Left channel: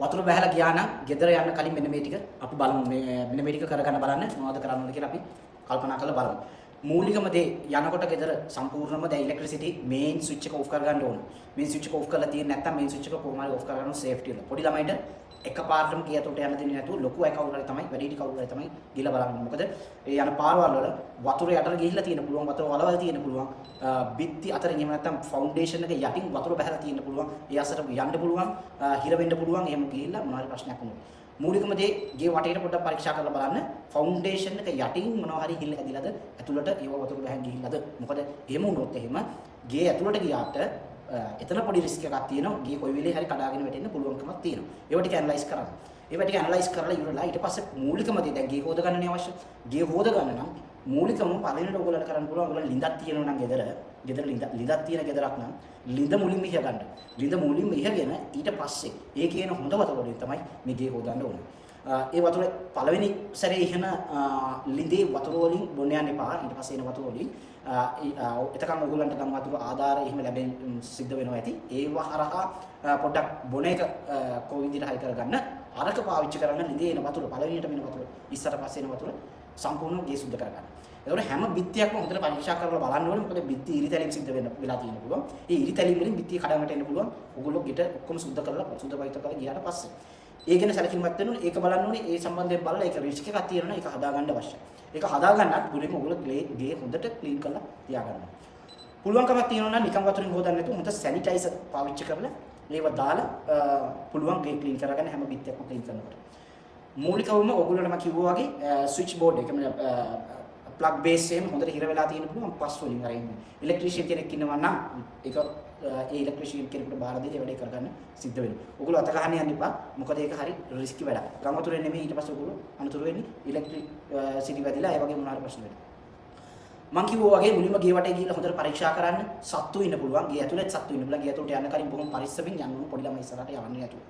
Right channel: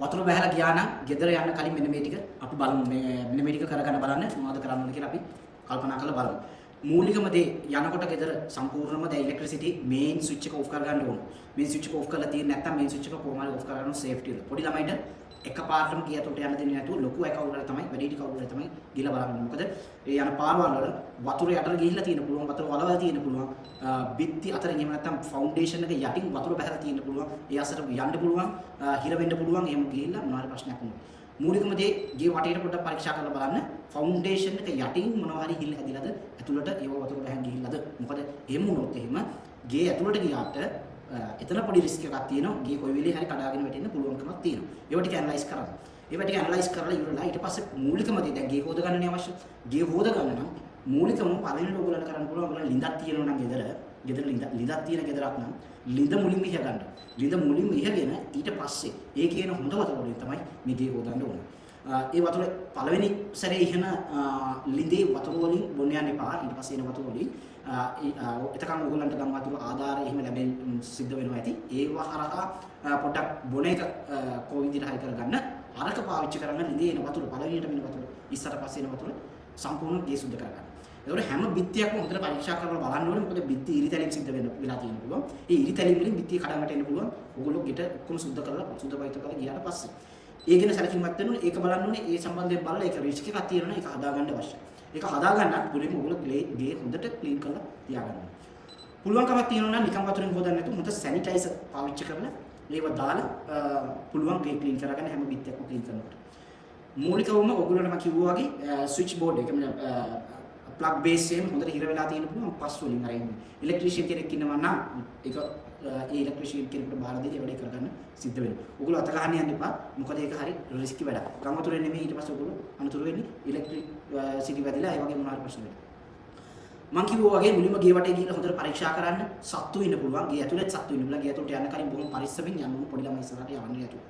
වතුර බහලා ගියා නම් ගෙදර යන්න කලින් මෙන්න මේ ටික අපි බලමු. මෙන්න මේ ටික කරගන්න බලන්න මොනවද කරන්න ඕනේ කියලා අපි කල්පනා කරලා බලමු. මූලිකම දේ යනකොට ගෙදර සම්පූර්ණයෙන්ම දැන් ඉලෙක්ට්‍රිසිටි මේන් ස්විච් එක ඔෆ් කරගන්න ඕනේ. මේන් ස්විච් එක ඔෆ් කරලා තියෙන්නේ නැත්නම් මේන් ස්විච් එක කොහොම හරි ඔෆ් කරගන්න සේෆ්ටි එක. පොඩි ළමයිට එකපාරටම ගිය යතොට යන්න දෙන්නේ නැතුව ලොකු අය කවුරු හරි තමයි වැඩි හිටි කවුරු හරි තමයි ගිහලා බලන්න. මොකද ඒ යන පාරවල් වල වතුර යටට ගිහිල්ලා තියෙන පුළුවන්, වතුර වලවල් තියෙන පුළුවන්, බිත්ති අතරින් එහෙම නැත්නම් ෆවුන්ඩේෂන් එක යටින් වතුර බහලා තියෙන පුළුවන්. ඒ අසර යන්න පුළුවන්, හිර වෙන්න පුළුවන්. එහෙම ගිහිල්ලා මොනවා හරි ප්‍රශ්නයක් වුණොත්. මූලිකම දේ ගේ වටේට පොඩ්ඩක් පරීක්ෂා කරලා බලන්න ෆවුන්ඩේෂන් එක යටින් මොනවා හරි හිල්ල ඇදිලාද ඇතුළට ඒව වතුර ගහන් ගිහිල්ලාද. මොකද එහෙම වුණොත් එහෙම ගේ ඇතුළට ගියාට එතන පොඩි රිස්ක් එකක් තියෙනවා. ගේ කොයි වෙලේ හරි කඩාගෙන වැටෙන්න පුළුවන්කමක් තියෙනවා. ඒව ටික ඇනලයිස් කරන්න. ඒව ටික ඇනලයිස් කරලා ඉවරලා ඊට පස්සේ මූලිකම දේ දැන් ගේ හොද ගන්නනේ අවශ්‍ය. ගේ හොද ගන්න නම් මූලිකම පළවෙනිට ඔයගොල්ලන්ට කරන්න පුළුවන් ඔයගොල්ලන් ලිඳක් තියෙනවා නම් ගෙදර ලිඳක් තියෙන ගෙදරක් නම් ලිඳ මුලින්ම ඉහ ගන්න. ලිඳ මුලින්ම ඉහගෙන ඊට පස්සේ ඒ කියන හොඳ වතුර වලින් තමයි මේ ගේ හොදන්න ඕනේ. ඒ වතුර පළවෙනි සැරේ ඉහන ලිඳේ වතුර වලින් බොන්න යන්න එපා. ඊට පස්සේ එන වතුර වලින් එතකන් ඔයගොල්ලන්ට ගම් වතුර ආධාර එහෙම ලැබෙන්න සිද්ධ වෙනවා ඇති. ඒව හරහා පොඩ්ඩක් බොන එක කොයි විදිහට හරි කරගන්න. අරක පාවිච්චි කරන්න ලිඳේ එන වතුර පළවෙනිට එන වතුර ඉස්සර පස්සේ එන වතුර සම්පූර්ණ ගේ සුද්ධ කරගන්න. ඒතකොට හැම බිත්තියක්ම හොඳට පරීක්ෂා කරලා බලන්න ඕනේ. මොකද බිත්ති ඉරිතැලීම් සිද්ධ වෙලා තියෙන්න පුළුවන්. ඒ ඉරිතැලීම් වලින් බිත්තිය කඩාවැටෙන්න එන්න පුළුවන්. ඔයගොල්ලෝ ගෙට ඔක්කොම සුද්ධ කරලා සුද්ධ පවිත්‍ර කරලා ගියාට පස්සේ ඒ ගැන සැලකිලිමත් වෙන්න ඕනේ. ඒක බලන්න ඕනේ. ඒ සම්බන්ධයෙන් බලලා ඒක රිස්ක් එකක් තියෙනවා. ඒක හදාගන්න අවශ්‍යයි. ඒක හදාගන්නත් මුලින්ම ඔයගොල්ලෝ ගේ හොඳට ක්ලීන් කරලා තියාගන්න. පුළුවන්කමක් තියෙනවා නම් නිකන් වතුරින් හොදන්න නැතුව හොඳ සැනිටයිසර් පාවිච්චි කරලා ඒව දාලා පුළුවන් ගේ ක්ලීන් කරගන්න හැම බිත්තියක්ම ක්ලීන් කරනකොට. මූලිකවම ඔයගොල්ලන්ට මම කිව්වා වගේ ස්විච් බෝඩ් එක ප්ලග් බේස් එකෙන් හොඳට හිර වෙලා තියෙන පුළුවන් පස් වලින් අර ඉන්නේ. ඉලෙක්ට්‍රීෂියන් කෙනෙක් ඉන්නවා නම් ඒක ඒ ඉලෙක්ට්‍රීෂියන් කෙනෙකුට බාර දෙලා වැඩේ කරගන්න සිද්ධ වෙනවා. ඔයගොල්ලෝ අත ගහන්න යන්න එපා. මොකද ඒක හරි රිස්කි වැඩක්. ගම් වතුරේ නෙමෙයි ඊට පස්සේ ඔයගොල්ලෝ අනතුරු වෙන්නේ ඉලෙක්ට්‍රිසිටි වැදිලා ඒ වගේ මොනවා හරි ප්‍රශ්න වෙනවා. මං කිව්වා වගේ මුලින්ම ගේ වටේ ගිහිල්ලා හොඳට පරීක්ෂා කරන්න. සත්තු ඉන්න පුළුවන්. ගේ ඇතුළෙත් සත්තු ඉන්න පුළුවන්. ගේ ඇතුළට යන්න කලින් බොහොම පරිස්සමින් යන්න ඕන. පොඩි ළමයි ඉස්සරහට යන්නේ නැතුව.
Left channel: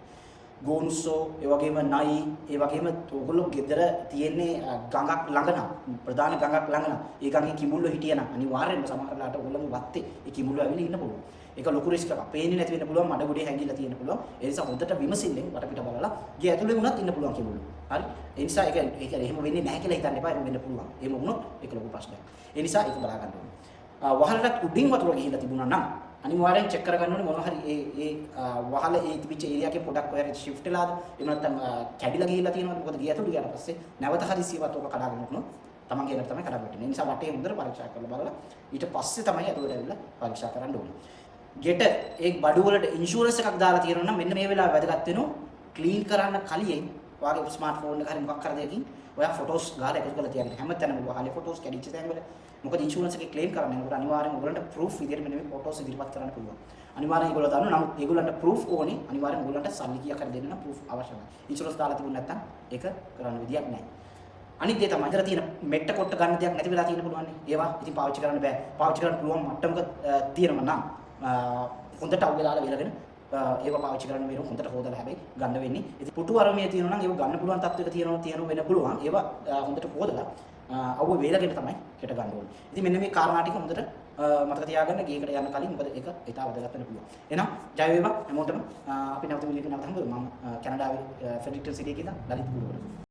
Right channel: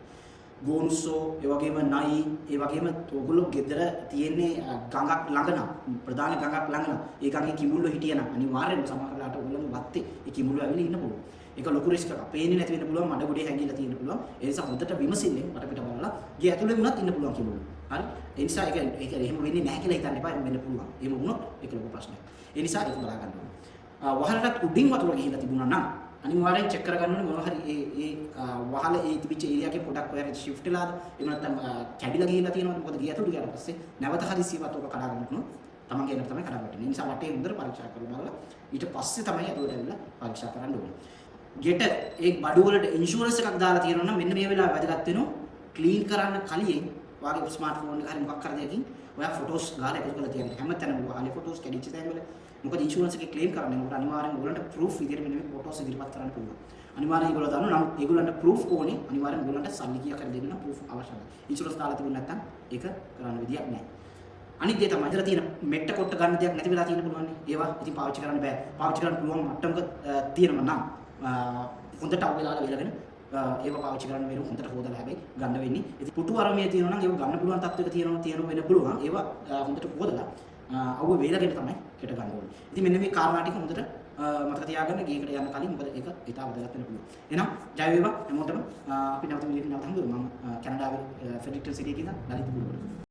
ගෝනුස්සෝ ඒ වගේම නයි ඒ වගේම ඔයගොල්ලෝ ගෙදර තියෙන්නේ ගඟක් ළඟ නම් ප්‍රධාන ගඟක් ළඟ නම් ඒ ගඟේ කිඹුල්ලෝ හිටියනම් අනිවාර්යෙන්ම සමහරලාට ඔයගොල්ලෝගේ වත්තේ ඒ කිඹුල්ලෝ ඇවිල්ලා ඉන්න පුළුවන්. ඒක ලොකු රිස්ක් එකක්. පේන්නේ නැති වෙන්න පුළුවන්, මඩ ගොඩේ හැංගිලා තියෙන්න පුළුවන්. ඒ නිසා හොඳට විමසිල්ලෙන් වටපිට බලලා ගේ ඇතුලේ වුණත් ඉන්න පුළුවන් කිඹුල්ලෝ. හරි? ඒ නිසා ඒක එහෙම වෙන්නේ නැහැ කියලා හිතන්න එපා. එහෙම වෙන්න පුළුවන්. එහෙම වුණොත් ඒක ලොකු ප්‍රශ්නයක්. ඒ නිසා ඒක බලා ගන්න ඕනේ. වහලටත් උඩින් වතුර ගිහිල්ලා තිබුණා නම් අනිවාර්යෙන් චෙක් කරගන්න ඕනේ මොනවා හරි ඒ වහල ඒ තිබිච්ච ඒරියා එකේ පොඩක් ඔයාලට shift වෙලාද එහෙම නැත්නම් කැඩිලා ගිහිල්ලා තියෙනවද මොකද ගිය ඇතුළට ගියාට පස්සේ නැවත හදිසියවත් ඔක කඩාගෙන යනොත් තමන්ගේ එකට තමයි කඩාගෙන යන්නේ. ඒ නිසා වටේ හොඳට පරීක්ෂා කරලා බලලා ඊට පස්සේ තමයි ඇතුළට ඇවිල්ලා පරීක්ෂා කරන්න ඕනේ. ගෙට ඒ බඩු වලට ඉන්ෂුරන්ස් එකක් දාලා තියෙනවා නම් මෙන්න මේ වෙලාව වැදගත් වෙනවා. ක්ලීන් කරන්න කලින් ඔයාගේ ස්මාර්ට්ෆෝන් එක හරි මොකක් කර දෙයකින් ඔයා ෆොටෝස් ගාලා එකතු කරලා තියාගන්න. හැමතැනම වහලේ ෆොටෝස් කැඩිච්ච තැන්වල මොකද ඉන්ෂුරන්ස් එකේ ක්ලේම් කරන්නේ මොකද අනිවාර්යෙන් ඔයගොල්ලන්ට ප්‍රූෆ් විදියට මෙන්න මේ ෆොටෝස් ඉදිරිපත් කරන්න පුළුවන්. අනිවාර්යෙන් ඒගොල්ලෝ දන්නවා. නමුත් ඒගොල්ලන්ට ප්‍රූෆ් ඕනේ. අනිවාර්යෙන් ඔයගොල්ලන්ට සල්ලි කීයක් හරි දෙන්න නම් ප්‍රූෆ් අවශ්‍යයි. ඉන්ෂුරන්ස් දාලා තිබුණ නැත්නම් ඒක කරන්න විදියක් නැහැ. අනිත් දේ තමයි ඉතල තියෙන මෙට්ට කොට ගන්න දෙයක් නැති වෙලා තියෙන පුළුවන් නේ. ඒවා ඉතින් පාවිච්චි කරන්න බෑ. පාවිච්චි කරන්න පුළුවන් මට්ටමක තියෙනවා නම් හොඳට අවුල දාලා වෙලගෙන ඒවා පාවිච්චි කරන්න වෙන හොඳට හොදලා හැබැයි ගන්න වෙන්නේ. ඉතින් පුටු අරමිය තියෙනවා නම් ඒක ගන්න පුළුවන් තත්ත්වයක තියෙන වෙන්න පුළුවන්. ඒවා හොඳට හොදලා අවුව වේලගෙන තමයි හෙට ගන්න ඕනේ. ඉතින් මෙන්න මේ කාරණා ටික හොඳට මතක තියාගන්න ගේකට යන්න කලින් මොකද ඒක ඉතාල වැදගත් වෙන්න පුළුවන්. එහෙනම් ජය වේවා හැමෝටම අපි නැවත වීඩියෝ එකකින් නැවත හම්බෙමු. මම කැනඩාවේ ෆෙඩරික්ටන් සිටි එකේ ඉඳන් ලලිත් පුරවල.